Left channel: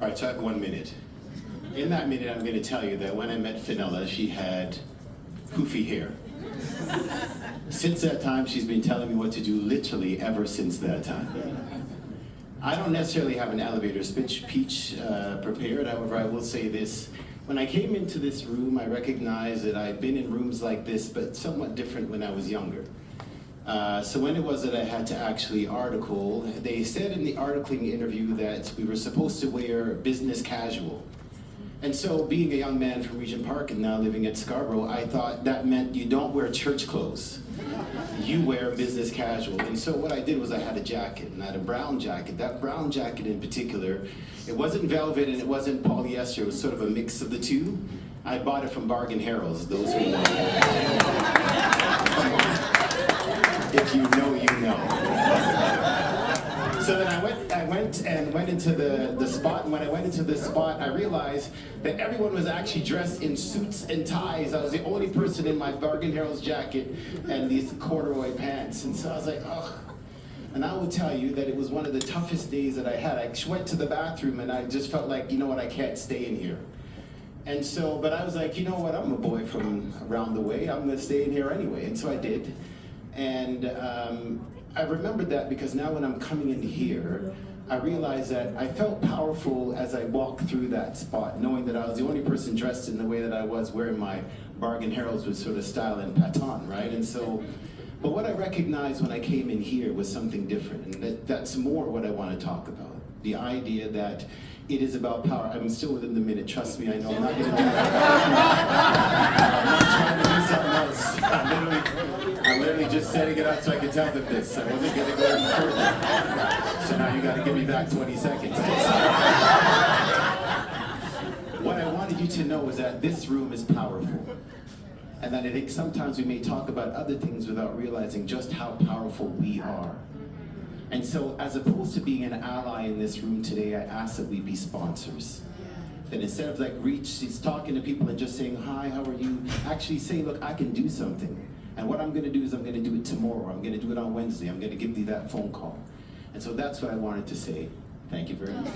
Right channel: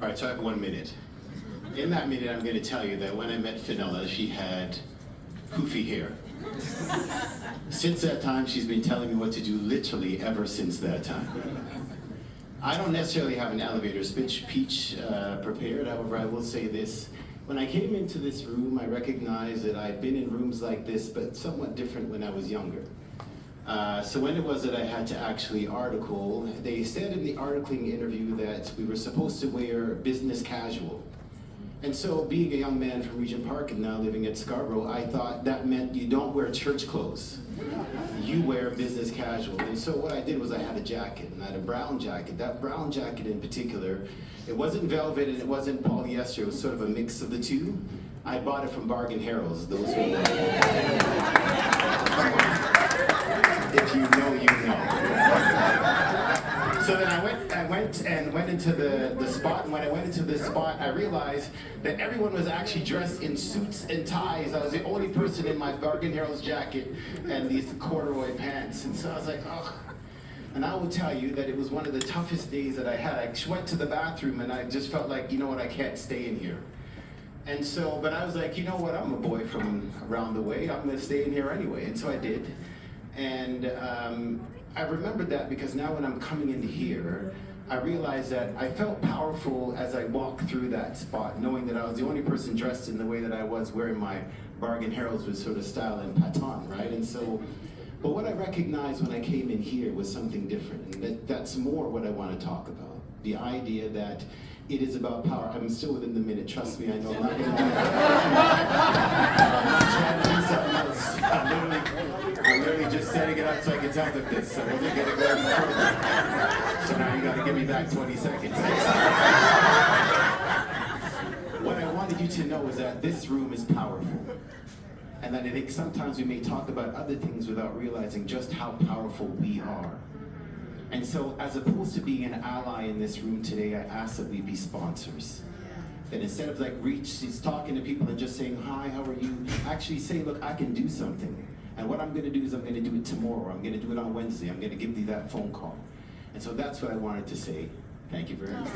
All right, so I have 1 minute. In that minute, I'm going to tell you that when I met Fenella, she had poofy hair. Since that time, she's been telling me what to do literally ever since that time. I don't necessarily have an elevator speech prepared, however, I will say this. When I came into this room, I recognized that I'd been in rooms like this, but somewhat different when I was younger. So when it was that I had to actually article, they said in the articling interview that we were supposed to wear business casual. And so being a young man from Regent Park and now living at Scarborough, I thought that meant you don't wear church clothes. You wear business casual. And so what I did was I had a jacket, and I had a brown jacket. That brown jacket in particular, it wasn't velvet and it wasn't polyester, it was sort of a mix of the two. I bought it from Bargain Harold's, those who know. If you know, you know. So then I went into the spot, and when I went into the spot, I realized that everyone was actually dressed in suits and ties. I was the only person in my Bargain Harold's jacket and these corduroy pants. And so I was like, oh. And I will tell you that it was one of the toughest days that I had. I went to the bathroom and I just felt like, you know what, I can't stay in here. And so, but I was like, you know what, I'm a boy from around the way, I'm gonna stay in here anyway. And so I did. And I remembered that because now when I'm coming in here, I realized that I felt powerful as I walked through that spot, knowing that I was the only person dressed in the way that I was, wearing my Bargain Harold's with sort of style and paton, right? And so, but what I recognized when I came in here was something different, and that's more what I want to talk about. The idea that it is about power. I'm still within the minute, trust me, I know I'm not going to do that. I'm not trying to do something else. I'm literally just setting it up so I can tell them this. I wasn't going to go any further. So now you got to give me back 20 seconds. What I wanted you to know is that this room is powerful. And that I think sometimes we may talk about other things without realizing just how powerful we are. And so, as opposed to being an ally in this room today, I ask that we be sponsors. That instead of like she's talking to people and just saying, hi, how are you? Actually say, look, I can do something. And what I'm gonna do is I'm gonna do it tomorrow. I'm gonna do it on Wednesday. I'm gonna give you that phone call. And so that's what I wanted to say. Thank you very much.